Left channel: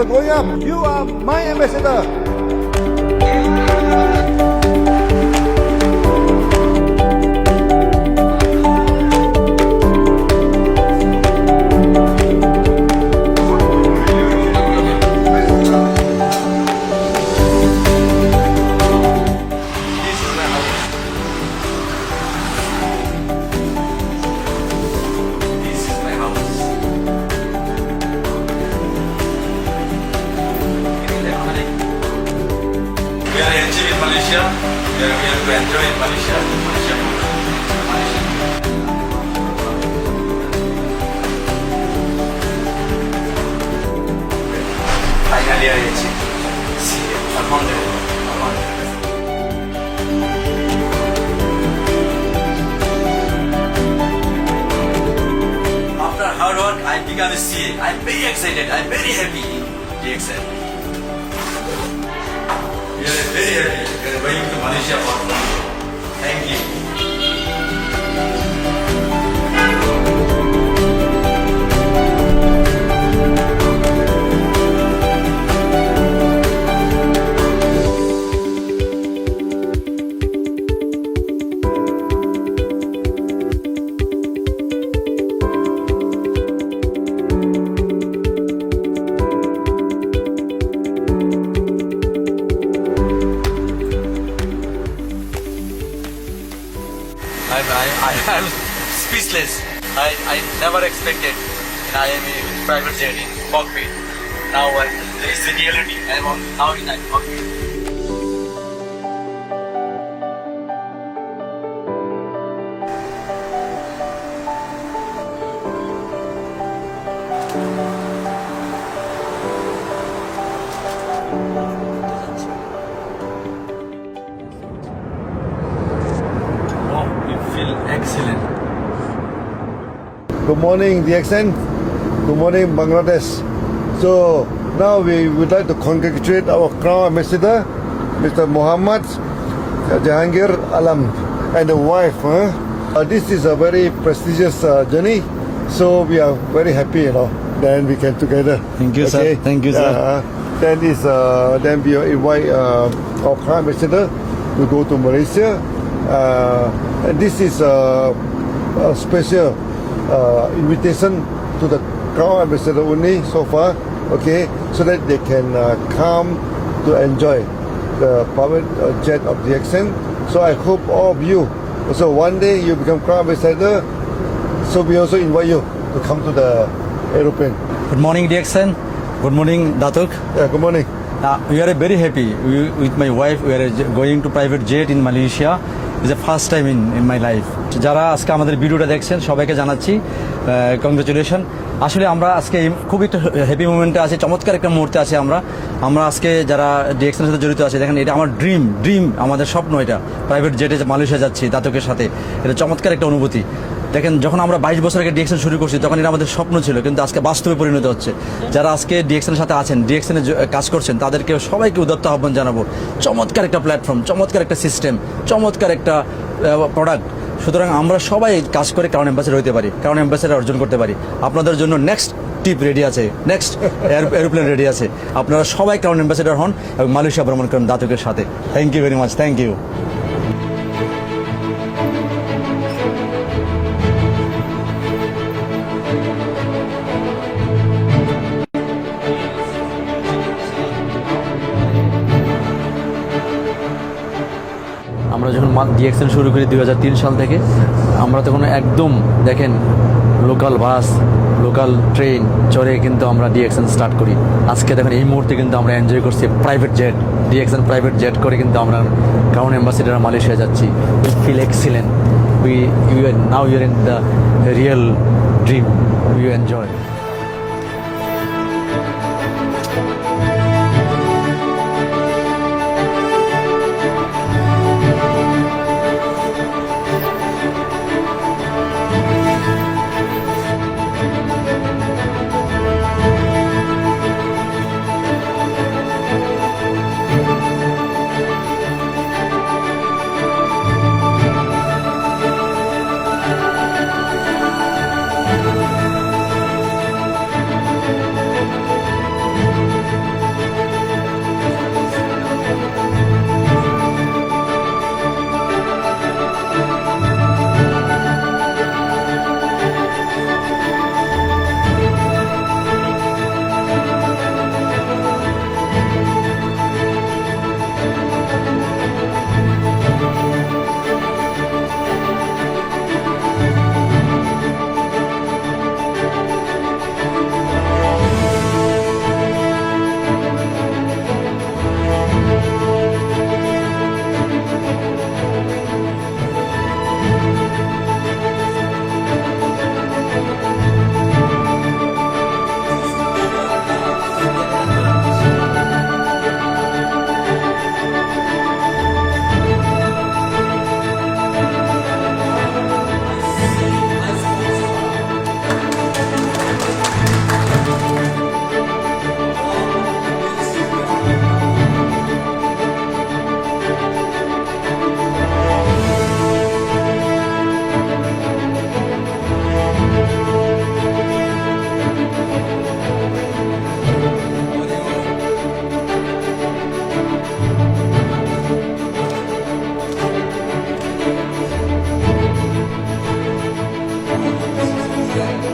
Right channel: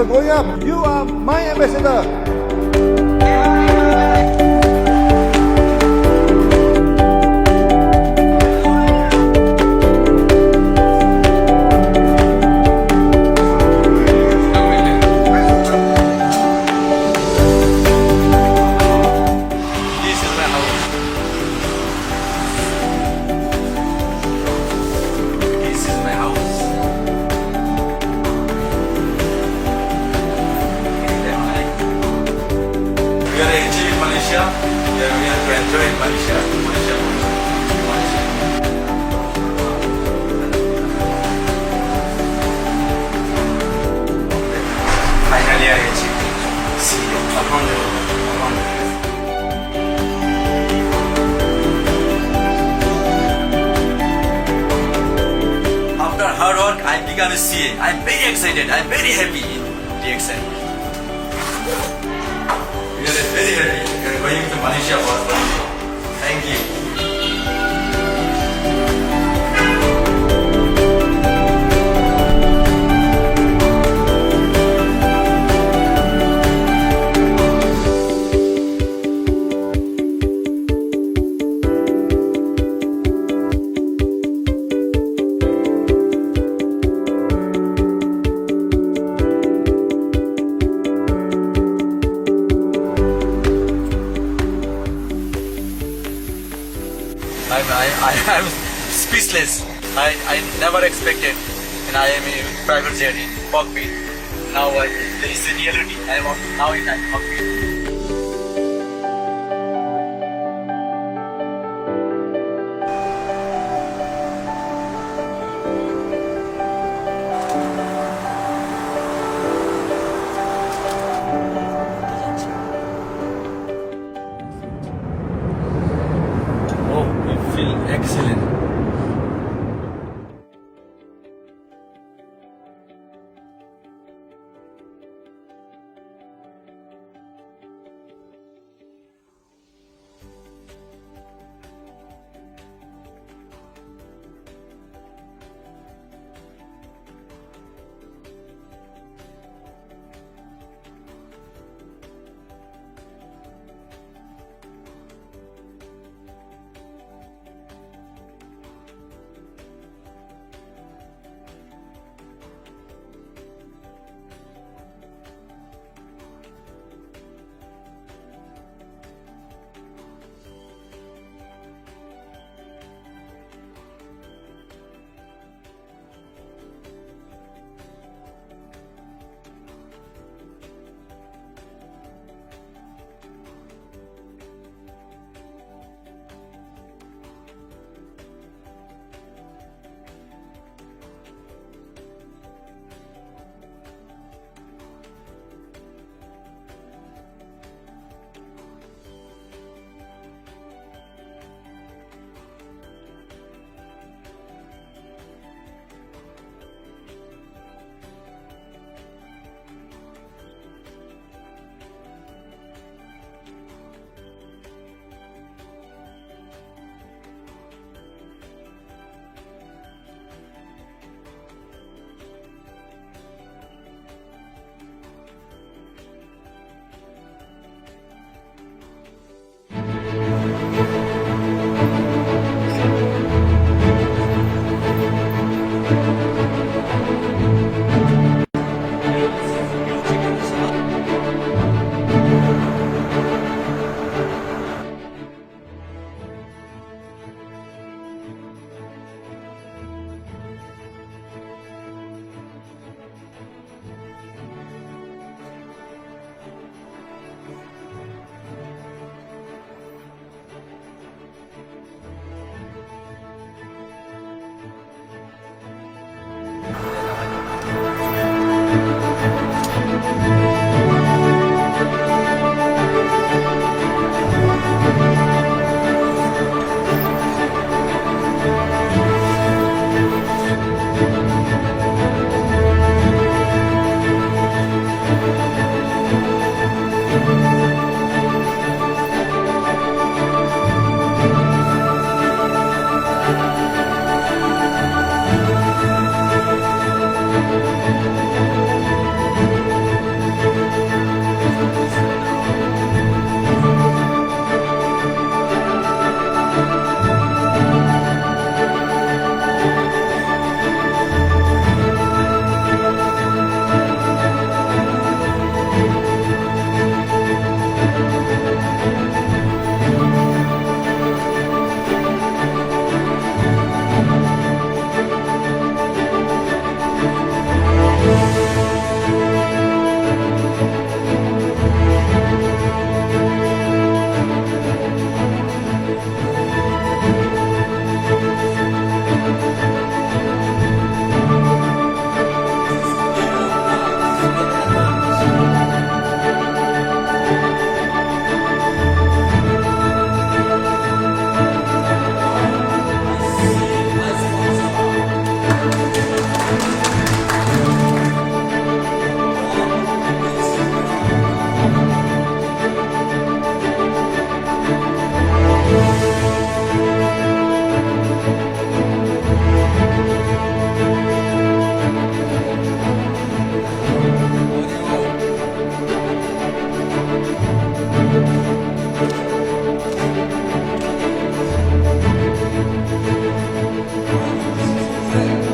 ambassador going up. You are my ambassador. This is my house. This is my house. We are enjoying in Malaysia. We are to enjoy in Malaysia. Malaysia. Finally, I achieved. See, Alhamdulillah. Alhamdulillah. After hard work, I become a CA. I'm very excited. I'm very happy in DXN. We are very happy. We are going to Malaysia for fun. Thank you. I'm speechless. I never expected, and I am a private jet in cockpit. Now it's the reality. I am now in cockpit. Oh, we feel excellent. Good morning, DXN. Good morning, Bangladesh. So now we would like to congratulate our Crown Ambassador, Mr. Muhammad Jahangir Alam, and the wife. This is a very prestigious journey, so we are very happy, Then we can together. Thank you, sir. Thank you, sir. Then we invite our Crown Ambassador to go to Malaysia. And this is a special invitation to the Crown Ambassador only so far, so that they can come to enjoy the private jet of DXN. So I hope all of you, so one day you become Crown Ambassador, so we also invite you to come to the aeroplane. Good morning, DXN. Good morning, Datuk. Yeah, good morning. We are very happy. With my wife, we are going to private jet in Malaysia. It's the first time in my life. যারা আজকে আমাদের ভিডিওটা দেখছেন সবাইকে জানাচ্ছি কংগ্রেচুলেশন। আসলে আমরা আজকে খুব একটা হ্যাপি মোমেন্টে আছি, চমৎকার একটা মুহূর্তে আছি আমরা আজকে যারা ডিএক্সএনের সাথে জড়িত আছে, দেখেন এটা আমার ড্রিম আমাদের স্বপ্ন, এটা প্রাইভেট জেটে মালয়েশিয়া যাচ্ছি দাতকের সাথে, এটা চমৎকার একটা অনুভূতি। দেখেন যখন আমরা 22 বছর আগে ডিএক্সএন শুরু করছি তখন এটা আমাদের স্বপ্ন ছিল, কিন্তু আজকে বাস্তবে পরিণত হচ্ছে। যারা আজকে ডিএক্সএনের সাথে আছেন, ডিএক্সএনে কাজ করছেন, তাদেরকে সবাইকে উদাত্ত আহ্বান জানাবো। চমৎকার একটা প্ল্যাটফর্ম, চমৎকার একটা সিস্টেম, চমৎকার একটা প্রোডাক্ট। সুতরাং আমরা সবাই কাজ করে ক্রাউন অ্যাম্বাসেডর হতে পারি, ক্রাউন অ্যাম্বাসেডর অর্জন করতে পারি। আপনাদের জন্য নেক্সট টিপ রেডি আছে, নেক্সট এরোপ্লেন রেডি আছে। আপনারা সবাই ক্রাউন অ্যাম্বাসেডর হন এবং মালয়েশিয়া ভ্রমণ করেন দাতকের সাথে। Thank you very much, thank you. আমরা যখন ডিএক্সএন শুরু করি 2003 সাল থেকে, আমরা তখন একদম দেখেন লোকাল বাস, লোকাল ট্রেন চড়ে কিন্তু আমরা ডিএক্সএন স্টার্ট করি। আজকে দেখেন এই মুহূর্তে কিন্তু আমরা এনজয় করছি private jet, DXN private jet করে কিন্তু আমরা ক্রাউন অ্যাম্বাসেডর মালয়েশিয়া যাচ্ছি। We feel excellent. Now you are in the real dream, you enjoy. Yeah.